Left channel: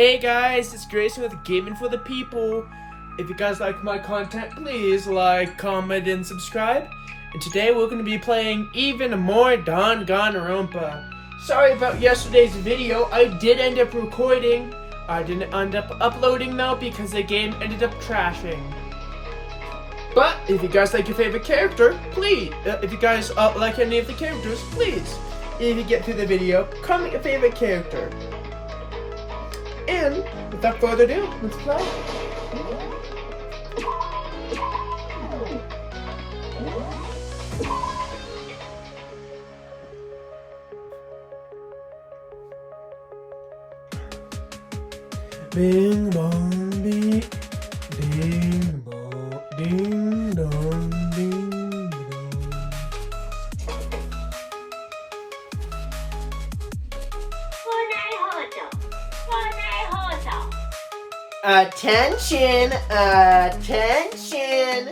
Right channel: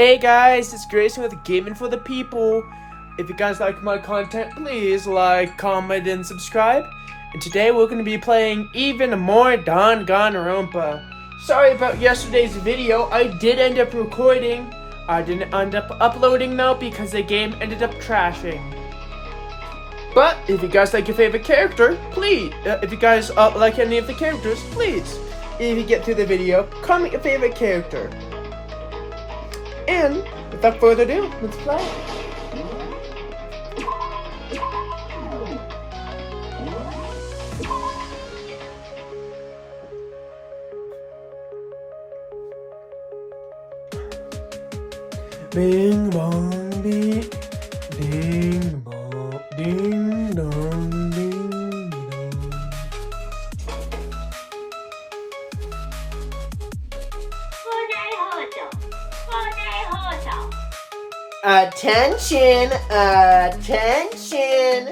Hey guys, it's Grayson with Gaming for the People. If you guys like my content, please like, comment, and subscribe. And today we're going to be playing even more Danganronpa. Sorry about yesterday's video. I did end up recording. I didn't end up uploading though because the game ended up trashing. But if you guys like your favorite character, please. If you guys like any of the characters, please. If you get through the video, comment your favorite character. And without further ado, let's play. Bing bong ding, ding bong, ding dong, ding dong. Attention, attention.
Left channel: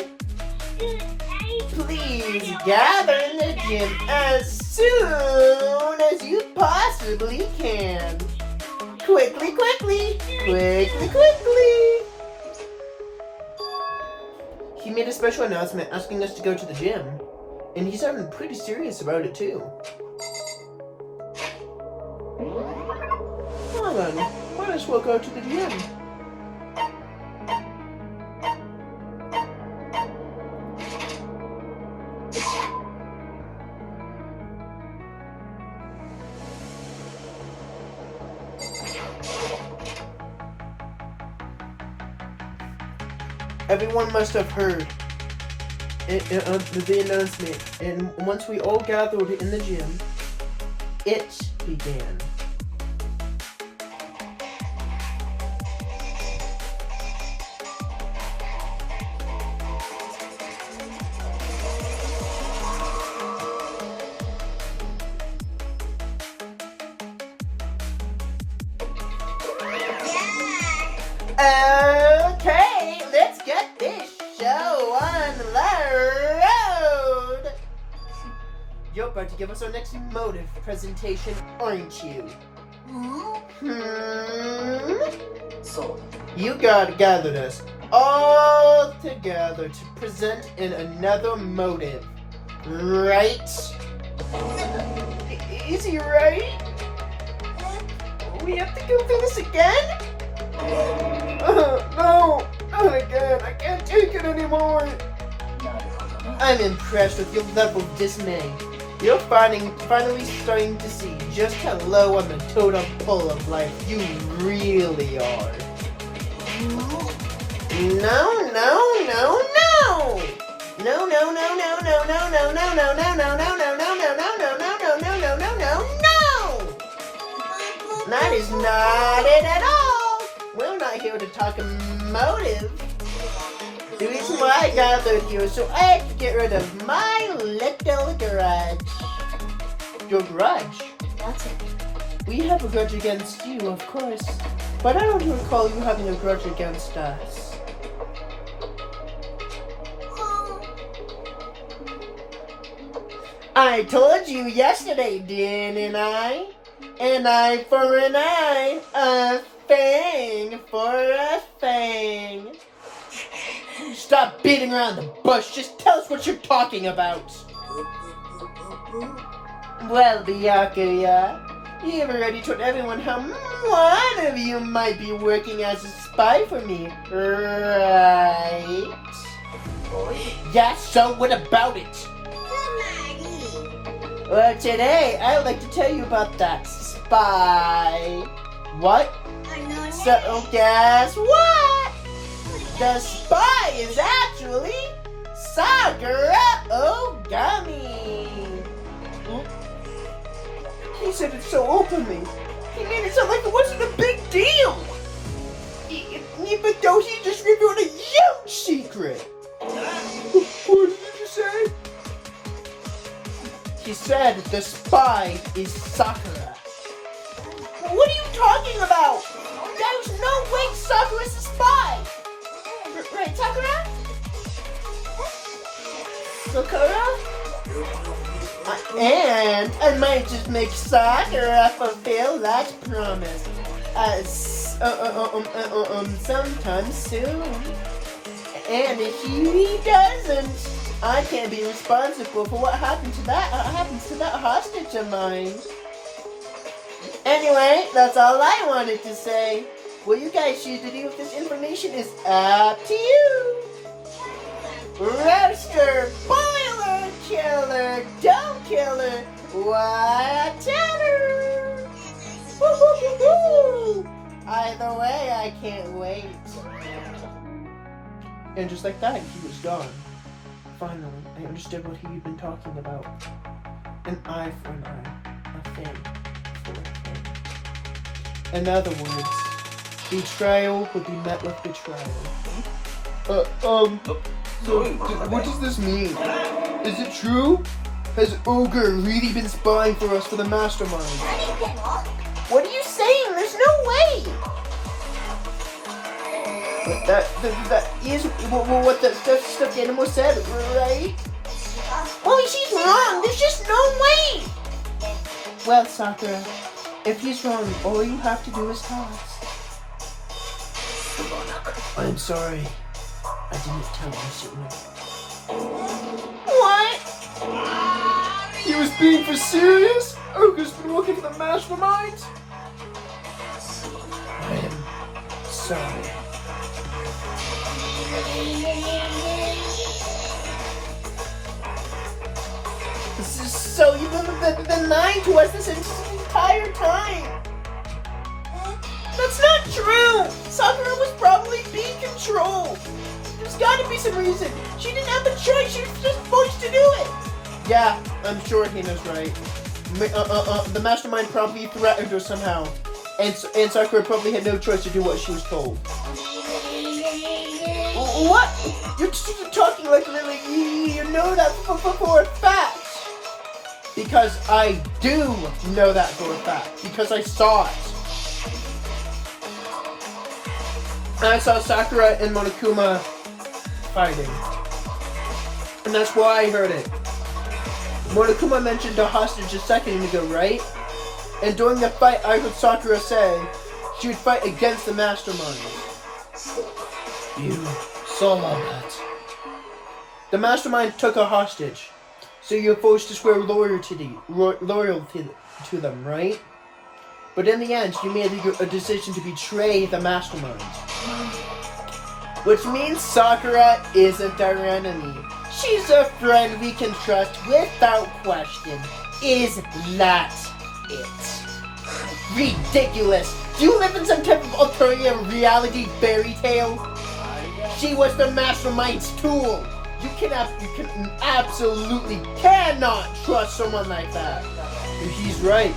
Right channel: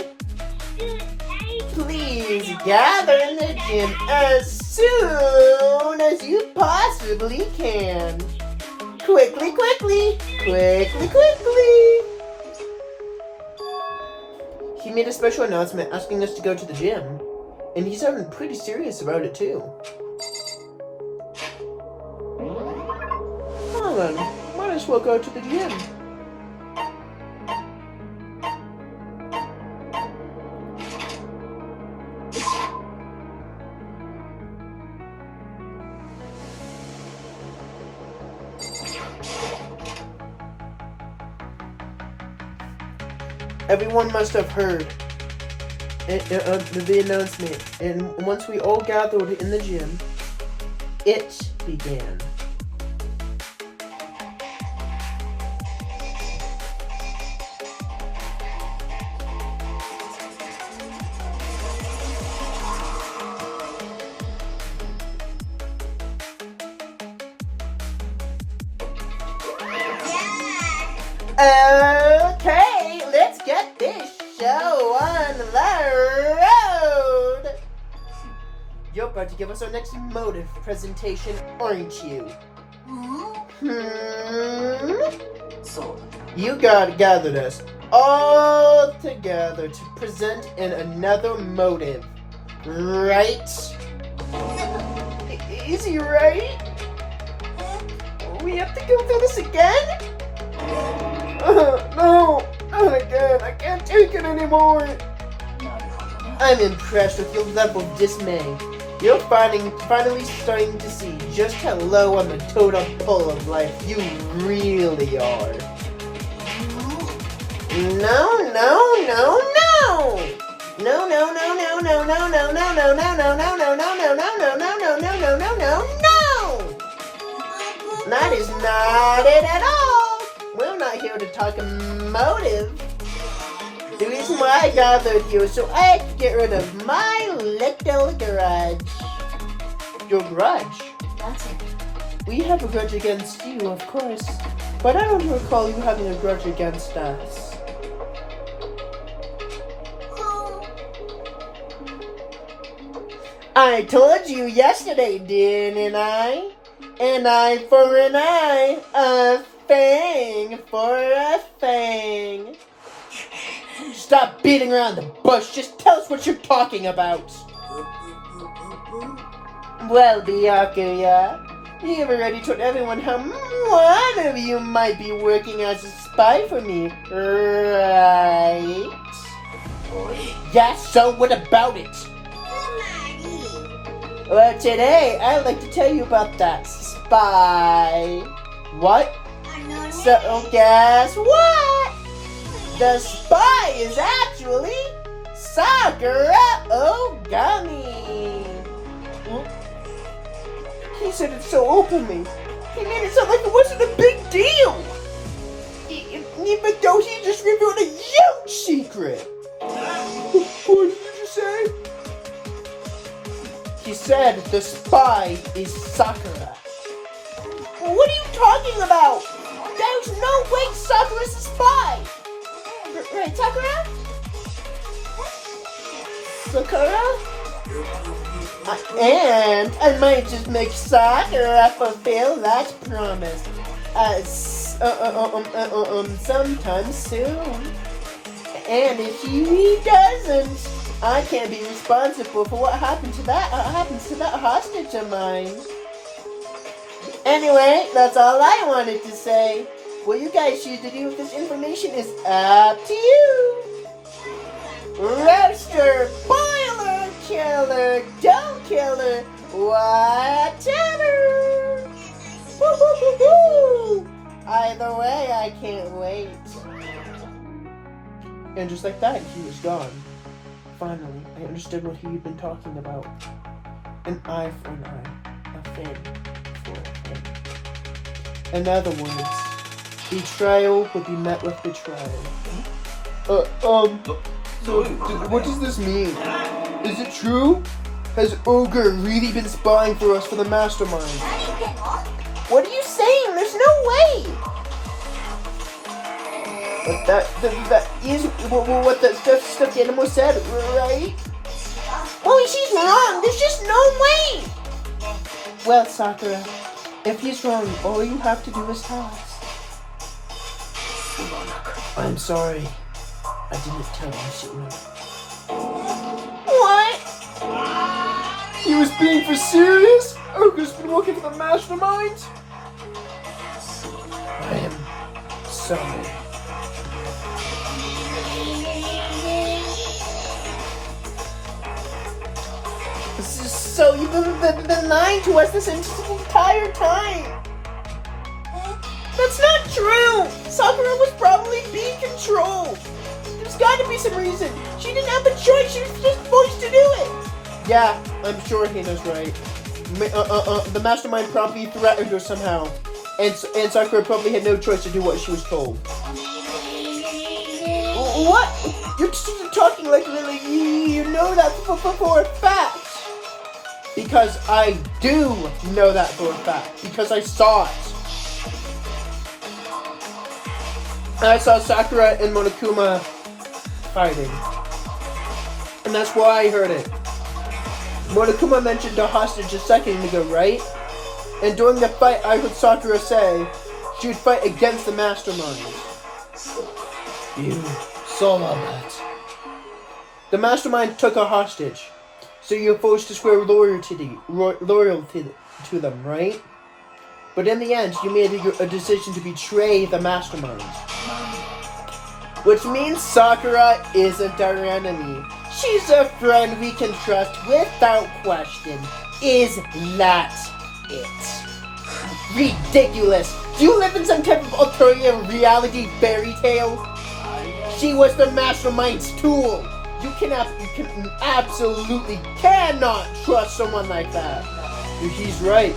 Please gather in the gym as soon as you possibly can. Quickly, quickly, quickly, quickly. He made a special announcement asking us to go to the gym. And he's sounding pretty serious about it too. Well then, might as well go to the gym. Everyone must have heard the announcement, and once we all gathered in the gym, it began. Okay, let's get this show on the road. You're about to give us our next motive presentation, aren't you? You gathered us all together to present in another motive, right? Is he right? We have to go through this again? No, not again. I can't take it anymore. I'm impressed with your level of dismay. You're finally starting to see just how low on the totem pole of life you really are. No. That is not it at all. We're not here to talk motive. The reason why I gathered you is so I can get rid of my little grudge. Your grudge? That's it. We have a grudge against you, of course. But I don't recall you having a grudge against us. I told you yesterday, didn't I? An eye for an eye, a fang for a fang. Stop beating around the bush, just tell us what you're talking about. Well, Byakuya, you've already told everyone how one of you might be working as a spy for me, right? Yes, so what about it? Well, today, I'd like to tell you about that spy. What? So, guess what? The spy is actually Sakura Ogami. He said it so openly. He made it sound like it wasn't a big deal. Even though he just revealed a huge secret. What did you say? He said the spy is Sakura. What are you talking about? There's no way Sakura's a spy. Right, Sakura? Sakura? And I might just make Sakura fulfill that promise. sometime soon. And if he doesn't, I can't be responsible for what happens to that hostage of mine. Anyway, that's all I wanted to say. What you guys choose to do with this information is up to you. Roaster, boiler, killer, don't killer, whatever. Woo-hoo-hoo-hoo. Either way, I can't wait. And just like that, he was gone. Finally, I understood what he had been talking about. An eye for an eye, a thing for a thing. In other words, betrayal would be met with betrayal. So what does this mean? Is it true? Has Ogre really been spying for us for the mastermind? What are you saying? There's no way! But that is what the stuffed animal said, right? Well, she's wrong. There's just no way. Well, Sakura, if he's wrong, all you have to do is tell us. I'm sorry. I didn't tell you sooner. What? He was being for serious? Ogre's been working for the mastermind? I am sorry. So you've been lying to us this entire time? That's not true! Sakura was probably being controlled. There's gotta be some reason. She didn't have a choice. She was just forced to do it. Yeah, I'm sure Hina's right. The mastermind probably threatened her somehow. And Sakura probably had no choice to do what she was told. What? You're talking like you know that for a fact. Because I do know that for a fact. Because I saw it. And I saw Sakura and Monokuma fighting. And that's why I heard it. Monokuma mentioned the hostage a second ago, right? And during the fight, I heard Sakura say she would fight against the mastermind. You saw that. The mastermind took a hostage. So you're forced to swear loyalty to them, right? But in the end, you made a decision to betray the mastermind. Which means Sakura isn't our enemy. She's a friend we can trust without question. Is that it? Ridiculous! Do you live in some type of alternative reality fairy tale? She was the mastermind's tool. You absolutely cannot trust someone like that. He's right.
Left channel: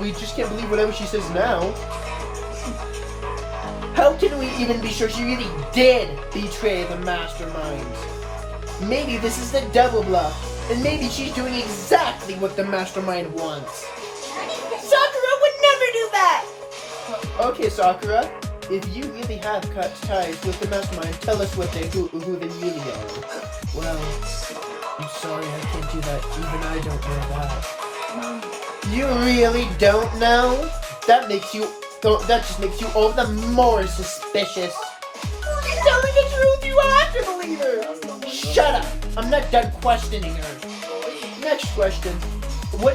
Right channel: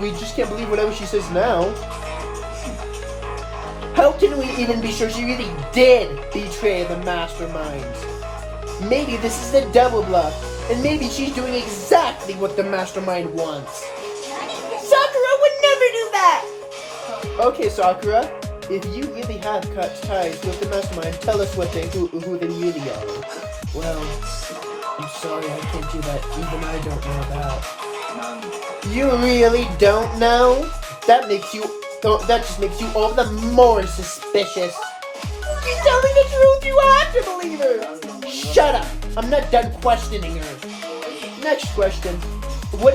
We just can't believe whatever she says now. How can we even be sure she really did betray the masterminds? Maybe this is a double bluff, and maybe she's doing exactly what the mastermind wants. Sakura would never do that! Okay, Sakura, if you really have cut ties with the mastermind, tell us who they really are. Well, I'm sorry I can't do that. Even I don't know that. You really don't know? That just makes you all the more suspicious. She's telling the truth, you have to believe her! Shut up! I'm not done questioning her. Next question. What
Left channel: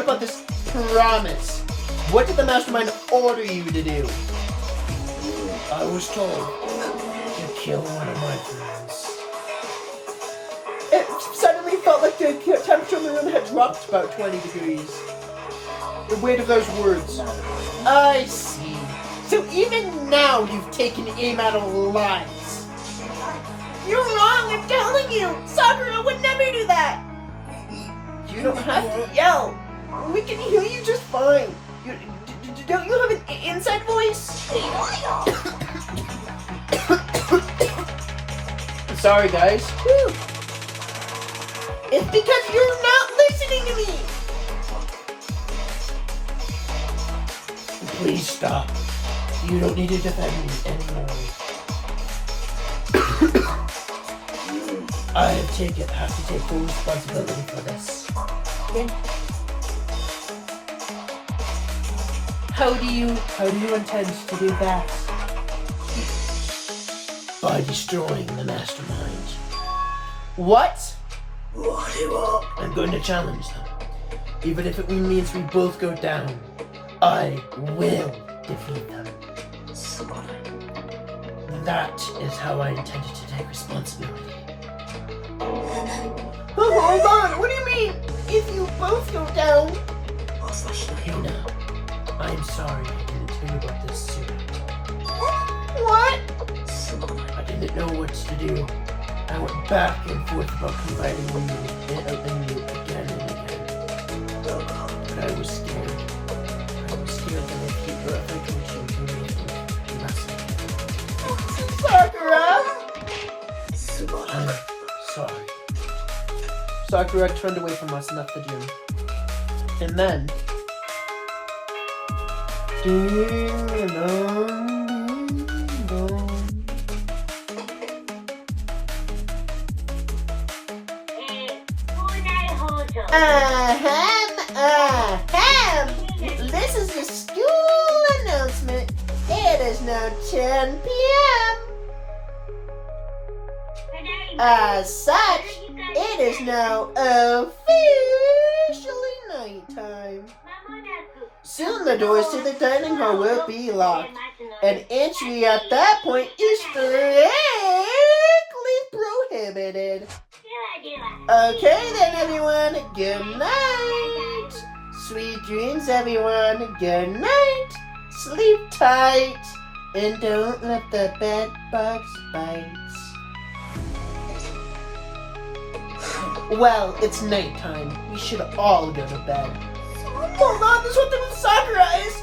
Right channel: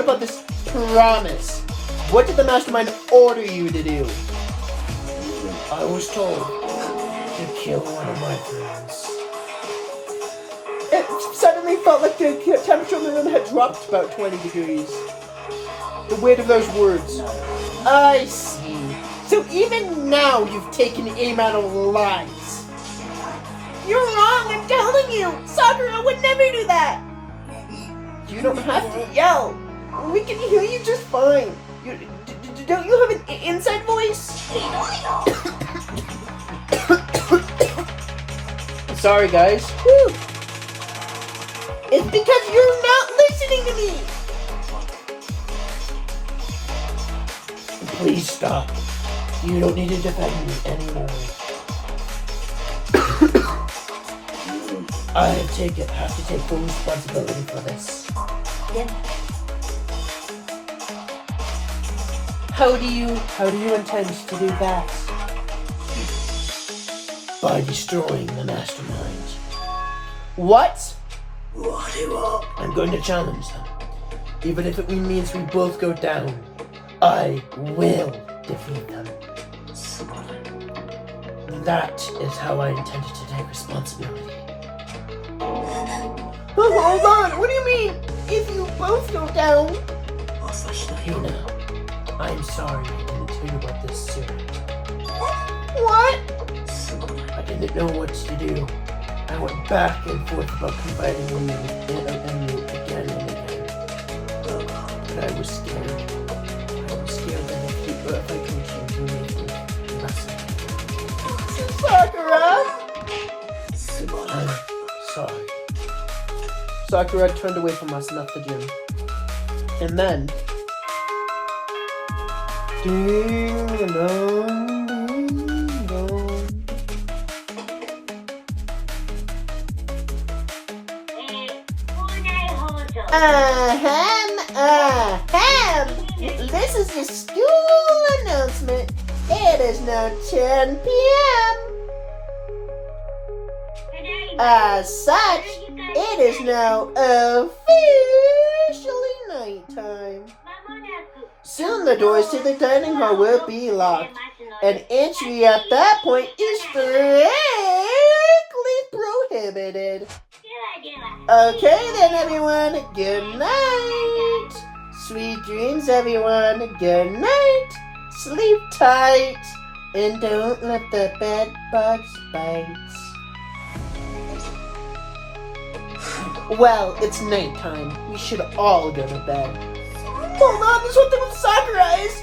about this promise? What did the mastermind order you to do? I was told to kill one of my friends. It suddenly felt like the temperature in the room had dropped about 20 degrees. The weight of those words. I see. So even now you've taken aim at our lives. You're wrong, I'm telling you! Sakura would never do that! You don't have to yell. We can hear you just fine. Don't you have an inside voice? Sorry, guys. Whew. It's because you're not listening to me! Please stop. You don't need to defend me anymore. I have to take full responsibility for this. How do you intend to do that? By destroying the mastermind. What? I'm going to challenge them. Even if it means we both go down, I will defeat them. That is how I intended to take responsibility. Hold on, what do you mean? If you both go down? Hina, I'm sorry I didn't tell you about this sooner. What? I didn't know what to do. I went back and forth about confiding in you again and again. But I was scared. I was scared that my keeper of the contain me from the lesson. Sakura! I'm sorry. Sakura turned away from us and left the gym. And then... This is the school announcement. It is now 10 p.m. As such, it is now officially nighttime. Soon the doors to the dining hall will be locked, and entry at that point is strictly prohibited. Okay then, everyone. Good night. Sweet dreams, everyone. Good night. Sleep tight, and don't let the bed bugs bite. Well, it's nighttime. We should all go to bed. Hold on, this one with Sakura is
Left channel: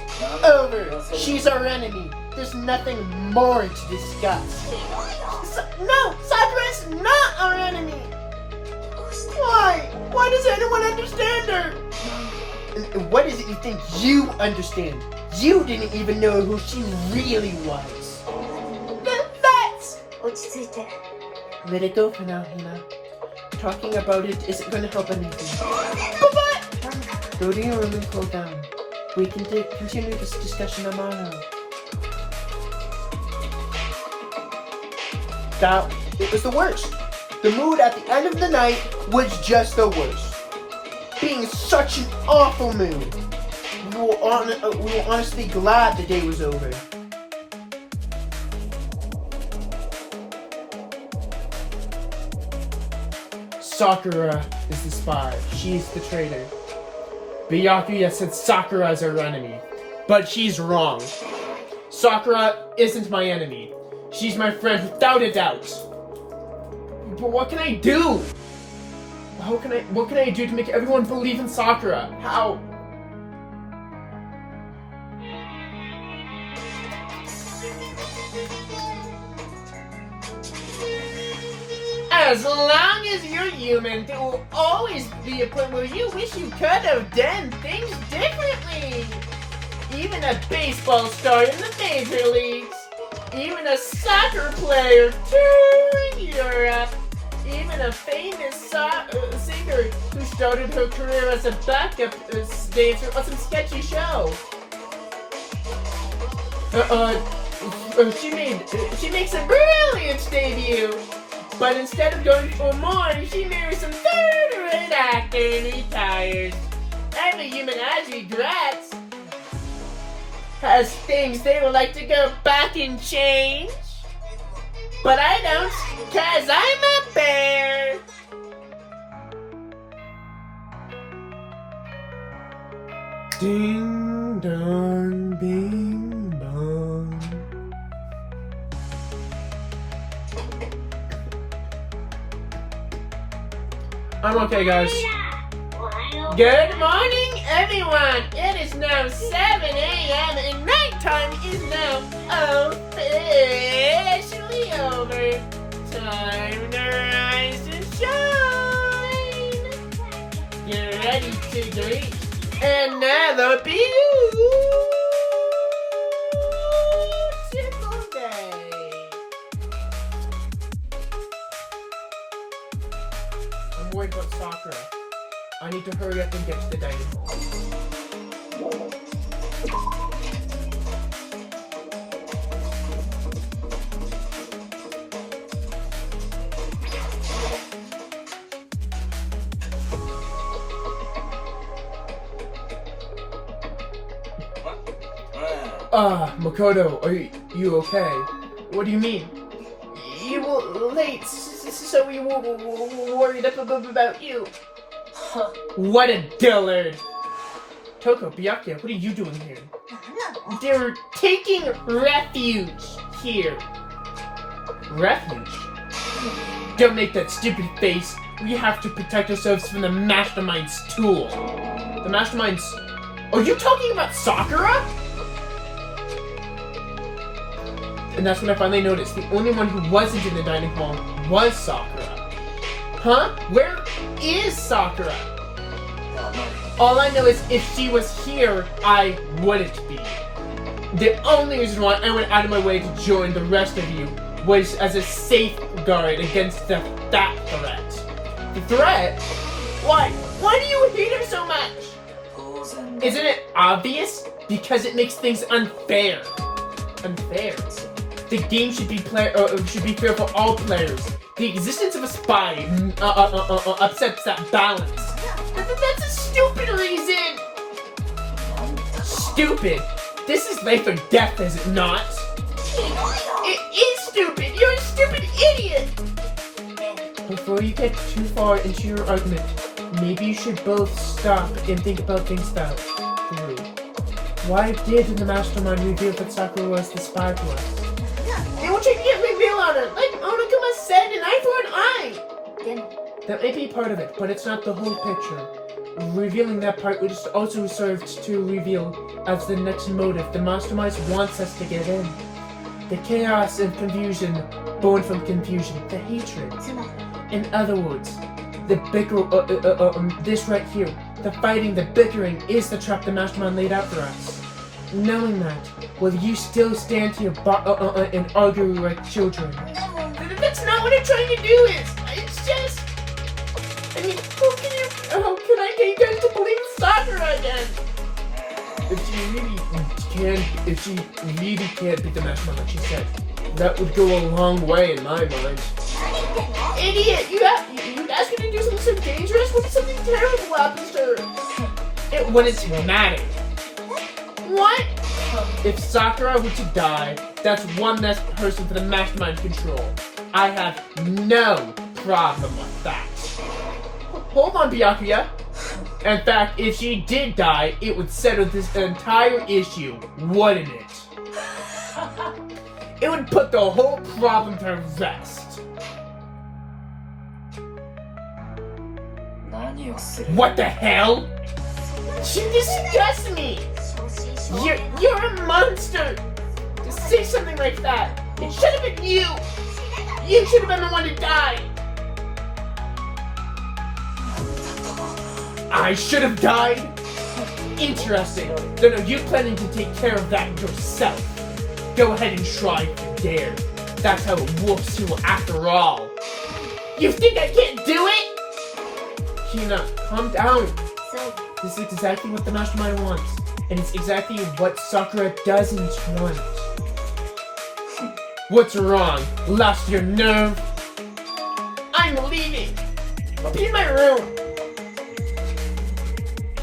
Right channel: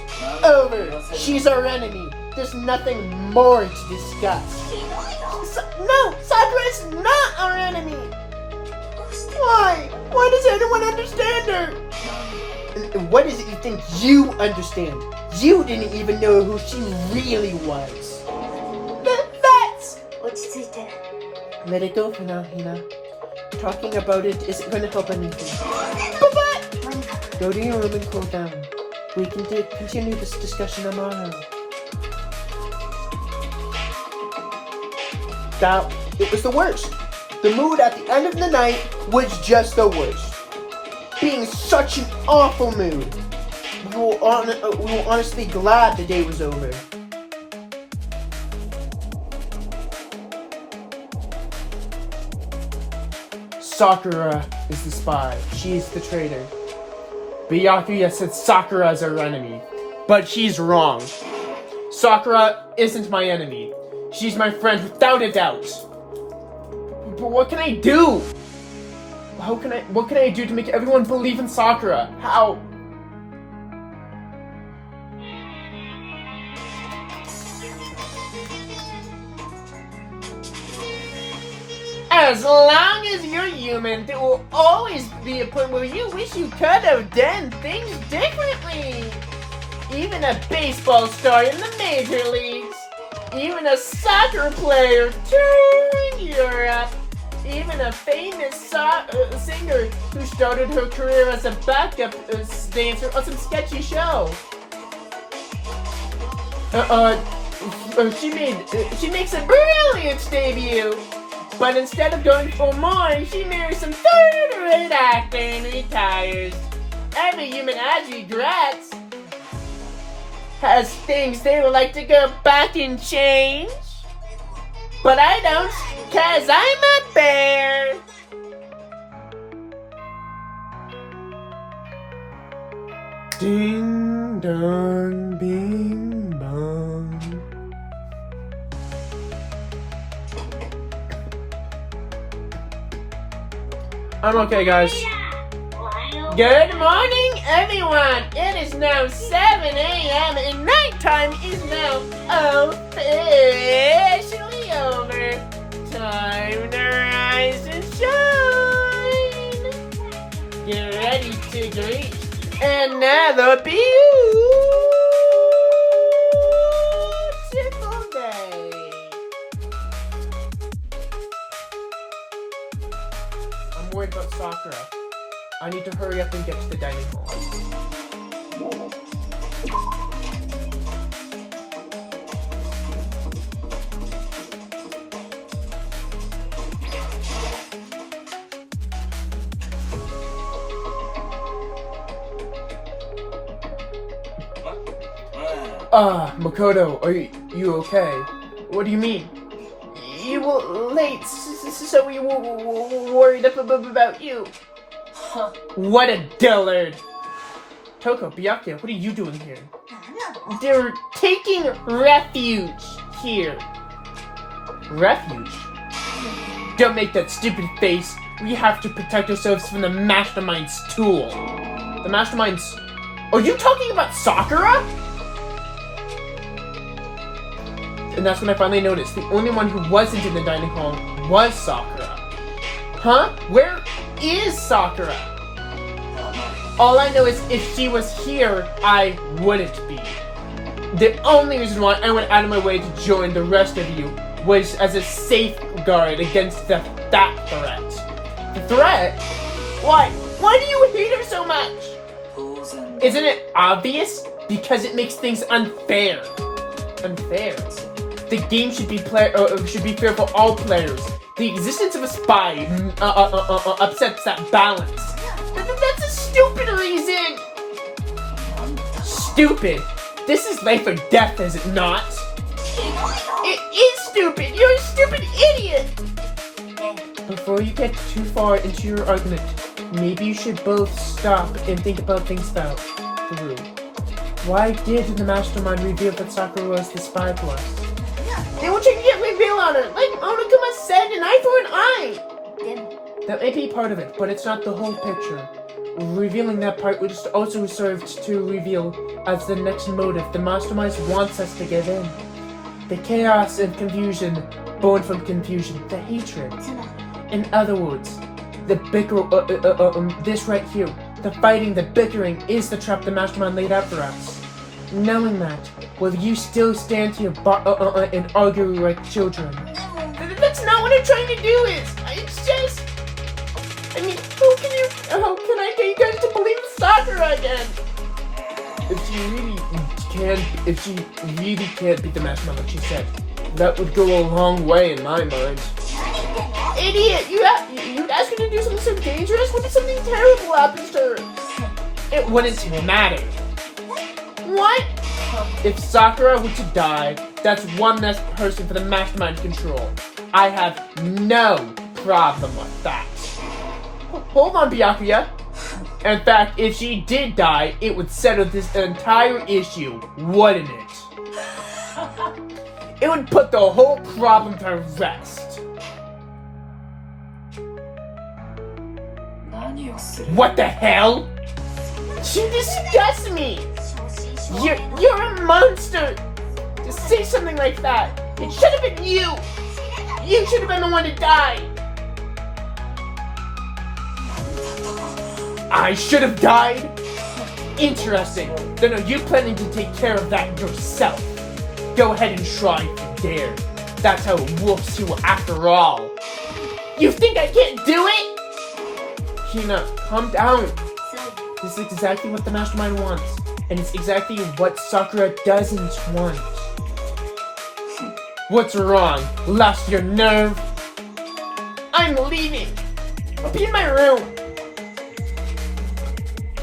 over. She's our enemy. There's nothing more to discuss. No, Sakura is not our enemy. Why? Why does anyone understand her? What is it you think you understand? You didn't even know who she really was. That's... Let it go for now, Hina. Talking about it isn't going to help anything. Go to your room and cool down. We can continue this discussion tomorrow. Now, it was the worst. The mood at the end of the night was just the worst. Being such an awful mood. We were honestly glad the day was over. Sakura is the spy. She's the traitor. Byakuya said Sakura is our enemy. But she's wrong. Sakura isn't my enemy. She's my friend without a doubt. But what can I do? What can I do to make everyone believe in Sakura? How? As long as you're human, there will always be a point where you wish you could have done things differently. Even a baseball star in the major leagues. Even a soccer player touring Europe. Even a famous singer who started her career as a backup dancer on some sketchy show. She makes a brilliant debut. But instead of going for more, she marries some third-rate actor and retires. Every human has regrets. Has things they would like to go back and change. But I don't, 'cause I'm a bear. Ding dong, bing bong. I'm okay, guys. Good morning, everyone. It is now 7 a.m. and nighttime is now officially over. Time to rise and shine. Get ready to greet another beautiful day. I'm worried about Sakura. I need to hurry up and get to the dining hall. Makoto, are you okay? What do you mean? You were late, so we were worried about you. What a dullard! Toko, Byakuya, what are you doing here? They're taking refuge here. Refuge? Don't make that stupid face. We have to protect ourselves from the Mastermind's tool. The Mastermind's... Are you talking about Sakura? And that's when I finally noticed the only one who wasn't in the dining hall was Sakura. Huh? Where is Sakura? All I know is if she was here, I wouldn't be. The only reason why I went out of my way to join the rest of you was as a safeguard against that threat. The threat? Why? Why do you hate her so much? Isn't it obvious? Because it makes things unfair. Unfair. The game should be fair for all players. The existence of a spy upsets that balance. That's a stupid reason. Stupid. This is life or death, is it not? It is stupid. You're a stupid idiot. Before you get too far into your argument, maybe you should both stop and think about things through. Why did the Mastermind reveal that Sakura was the spy for us? They were trying to get reveal on it, like Onokuma said, an eye for an eye. That may be part of it, but it's not the whole picture. Revealing that part would also serve to reveal as the next motive the Mastermind wants us to give in. The chaos and confusion born from confusion, the hatred. In other words, the this right here, the fighting, the bickering is the trap the Mastermind laid out for us. Knowing that, will you still stand here and argue like children? That's not what I'm trying to do. It's just, I mean, how can I get you guys to believe Sakura again? If she really can't beat the Mastermind like she said, that would go a long way in my mind. Idiot! You asked her to do something so dangerous? What if something terrible happens to her? It wouldn't matter. What? If Sakura were to die, that's one less person for the Mastermind to control. I have no problem with that. Hold on, Byakuya. In fact, if she did die, it would settle this entire issue, wouldn't it? It would put the whole problem to rest. What the hell? You disgust me! You're a monster! To say something like that, it should have been you! You should have been the one to die! I should have died? Interesting. Then are you planning to take care of that yourself? Go ahead and try if you dare. That's how it works to you after all. You think I can't do it? Hina, calm down. This is exactly what the Mastermind wants. And it's exactly what Sakura doesn't want. What's wrong? Lost your nerve? I'm leaving! Be in my room!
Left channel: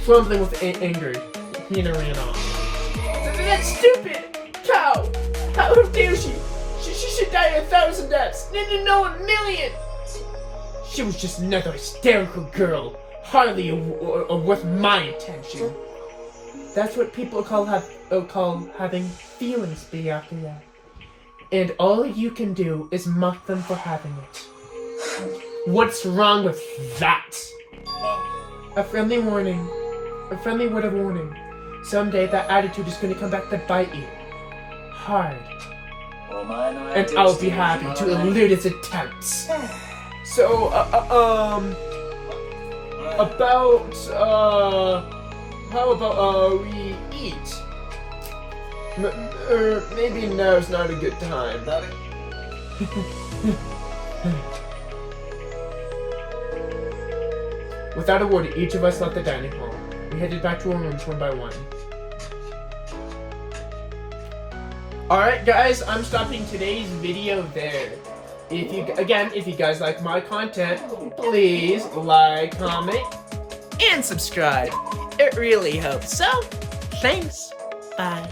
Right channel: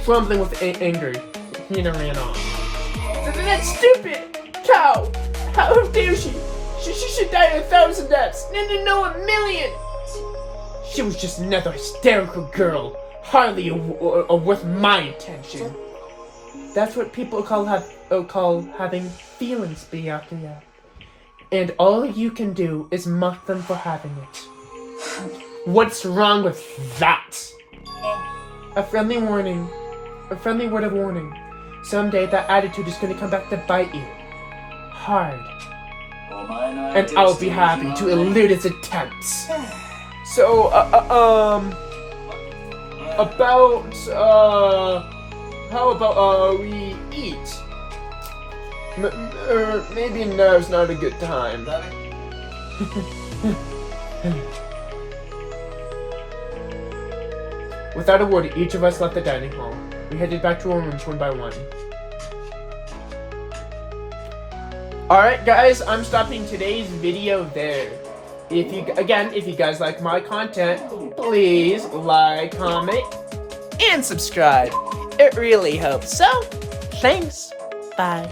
Grumbling with anger, Hina ran off. That's stupid! Cow! How dare she? She should die 1,000 deaths! No, 1,000,000! She was just another hysterical girl, hardly worth my attention. That's what people call having feelings, Byakuya. And all you can do is mock them for having it. What's wrong with that? A friendly word of warning. Someday that attitude is going to come back to bite you. Hard. And I'll be happy to elude its attempts. So, how about we eat? Maybe now's not a good time. Without a word, each of us left the dining hall. We headed back to our rooms one by one. Alright guys, I'm stopping today's video there. If you guys like my content, please like, comment, and subscribe. It really helps. So, thanks. Bye.